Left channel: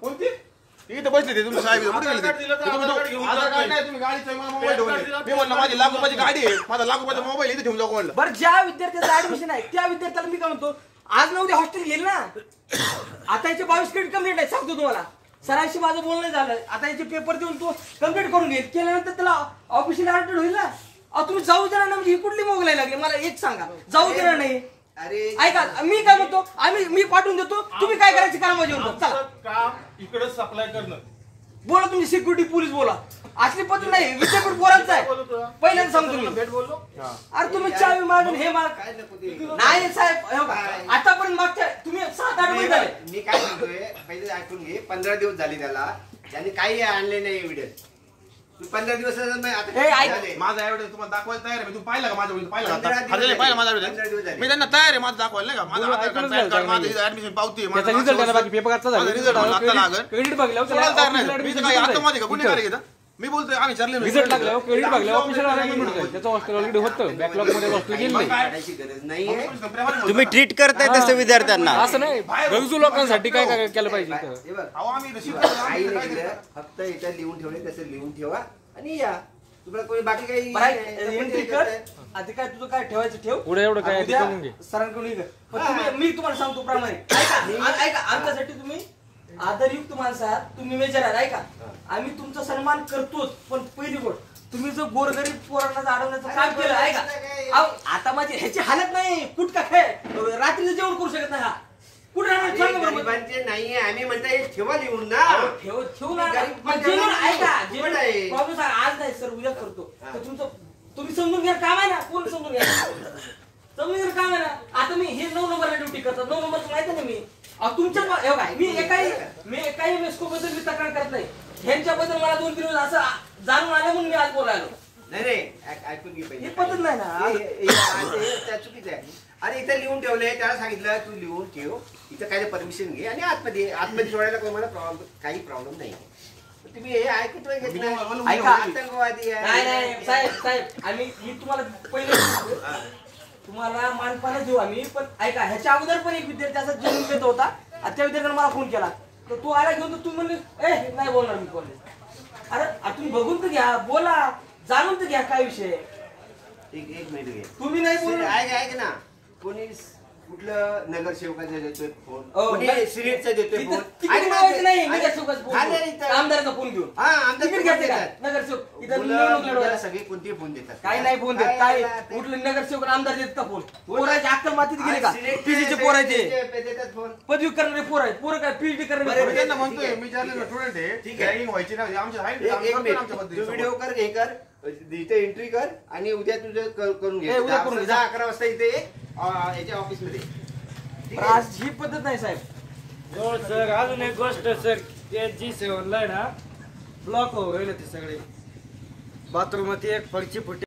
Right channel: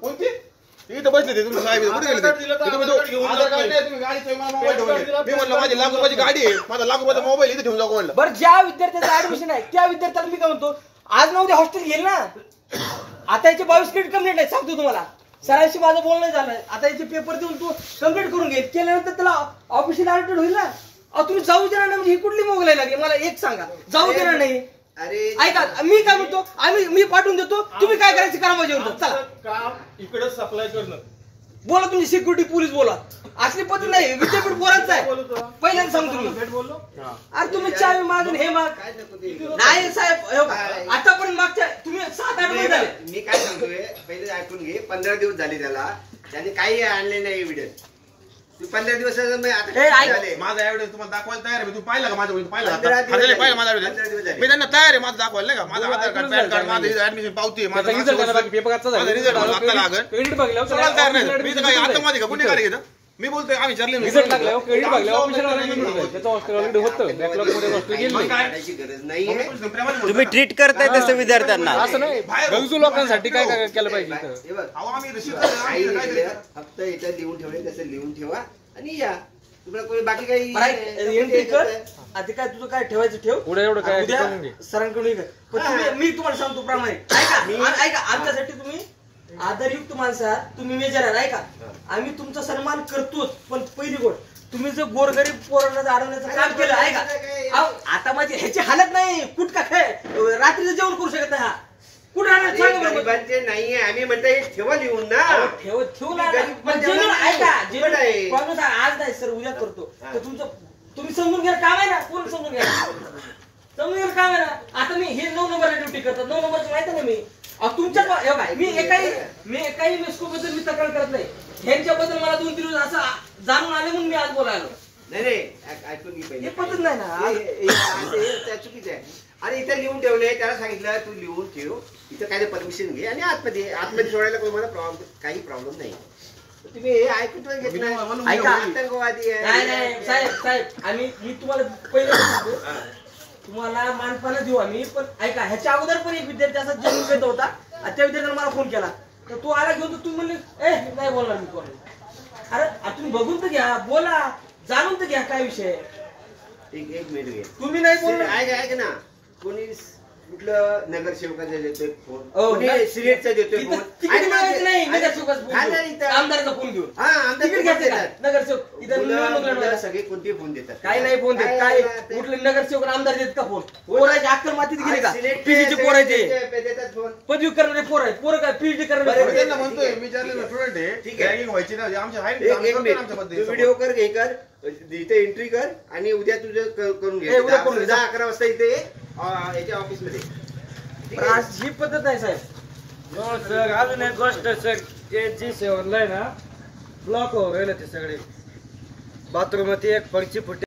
कोणती इथं बसले ते तुम्ही साहेब कुठे गेले तुम्ही आधार कार्ड नाही तुम्ही गाडीचा मला मोबाईल ठेवले मी म्हणलं माझी लाख रुपयाची गाडी आहे माझा लाख रुपयाचा मोबाईल इथे ठेवून जाऊ म्हणलं बरं ज्या विद्यार्थ्याचं ऍडमिशन आहे त्या विद्यार्थ्याला मी काय म्हणतो आज ना उद्या हॉस्टेल घेईल ना आता याचे 22 क्रेडिट कम्प्लीट आहे सांगतो तुम्हाला सरांशी माझं बोलणं झालं आता याचे पेपर देऊन तो कम्प्लीट करून घेईल केल्यानंतर त्याला ऑफिशियल अलर्टेड होईल ना तुम्ही जाऊ देणार नाही म्हणजे ही कुठली मोगलाई लागेल मला एक सांगा जाऊ देणार नाही अरे ऐका मी काय म्हणतो मी पाठवून देतो तुम्ही काय करायचं करा माझ्यावर चला काम इकडे सप्लाय करणं बोला तुमची सिक्युरिटी पोलीस बोला असली पद्धत नाही विद्यापीठ पोरांचं आहे पहिल्यांदा सांगतो मी भेट बोललो अरे तुम्ही चावी मागून हे माग नाही साहेब आतापर्यंत मागच्या तुम्ही 7-8 महिने झाले मी काय म्हणतोय पहिले ऐकून घे 15 दिवस झाले त्याने काही आणले नाही एव्हिडन्स 15 दिवस माझा एवढे तुम्हाला दाखवायला तयार आहे तुम्ही पाहिलं का माझ्या पाहिलं माझा मी त्यांना तयार आहे माझं दाखवायला नाही का माझं आधार कार्ड पॅन कार्ड माझं ऍडमिशन पावती माझा रिझल्ट मला आता लागेल सोडायला तयार नाही मी काही आता माझे का गुन्हेगार घेता मी बोलतोय आम्ही चालले गरज नाही तुम्ही ट्रीट करताय तसं विद्यार्थ्यांना असं नाही गरजू लोकांसाठी काय केलं पाहिजे फक्त याच्यात लिहून ठेवले तसं लिहून ठेवा आणि या तुम्हाला कोणी बाकी काही एंट्री कर आधी काय तुझं काय ठेवायचं ठेव पुढे एवढं काय सरांकडून मी तुम्हाला सांगतो प्रामाणिक ऐका आमच्यासाठी तुम्ही आदरयुक्त माणसं आहात तुम्ही मेजर आहात ऐका आम्ही तुमचा सन्मान करतोच पण पहिली गोष्ट तुम्ही जर गोरगरीब पोरांना अडवण्याचं काम केलं ऐका आता माझी ह्याची हालत नाही कुठ का काय रात्रीचं जेवण करू शकत नाही हा कुठे गरीबांचे नाहीये आम्ही म्हणता ठेवा लिहून ना ठेवून ऐका जेवण आज नाही सर उद्या करतो तर तुमचं तुम्ही समजून घ्या काम आहे ना कोण समजून घ्या समजून घ्या काम आहे ना आता मी हे 9 नंबरला ड्युटी करतात 9 नंबरचं माहिती ना मी तुमच्या मी एकाही मेस्कोबद्दल मी तक्रार करत नाही ह्यांच्याबद्दल मला 2-3 दिवस असं जाणून आलं म्हणून मी आज बोलायलो नाही ऐकून घे पहिले पद्धत नाही ना त्या चुकीचं आहे अरे इथं लिहून ठेवले त्याला सांगितलं तू लिहून ठेव इथं काय परमिशन घे आणि आतमध्ये सोडायला कोण मला काही प्रॉब्लेम नाही तुम्ही हे ऐकत घेत नाही आतंकवादी आहे साहेब मी तुम्हाला पहिले तुम्हाला मानपाला देऊ आम्ही पण ऐका ह्याच्या अगोदर पण एक विद्यार्थी असा जन्म घेत होता त्या विद्यार्थ्याने मला फोन केला तर तू आला घेऊन तू म्हणले नाही बोलणार मी कोण अरे तुम्ही बघून तर घ्या बोला जाणून तर घ्या काय विषय एक मिनिट घे तुम्ही नाही बोलणार ऐक ना कोणी कुठलं नगरसेवकाचा देतोय फोन कोणी सिलेटचा देतोय फोन नाही आमदाराचा फोन घेऊन नगरसेवक सगळे कोणते फोन देतात काही नाही फोन देत काय कुठले नगरसेवक आमदार देत का फोन पोराचे अक्कल मातीत गेले का पीजीचे पोराचे देतात फोन पदवी करणारे पोर आहेत पोरं काय पीएचडी करणारे म्हणतोय मी स्टुडंट आहे ठीक आहे व्हायची ना आमच्या व्हिडिओ कर घे कर इथे एंट्री कर आणि उद्या तुझं करून घे 11 वाजता इथे याच्या ऑफिस मध्ये ही पद्धत नाही साहेब सर अजून एक गोष्ट सर ते जी ऑनलाईन ना ब्लॉक हो राहिलं ते सगळे बाथरूम मध्ये एक फळची फुटी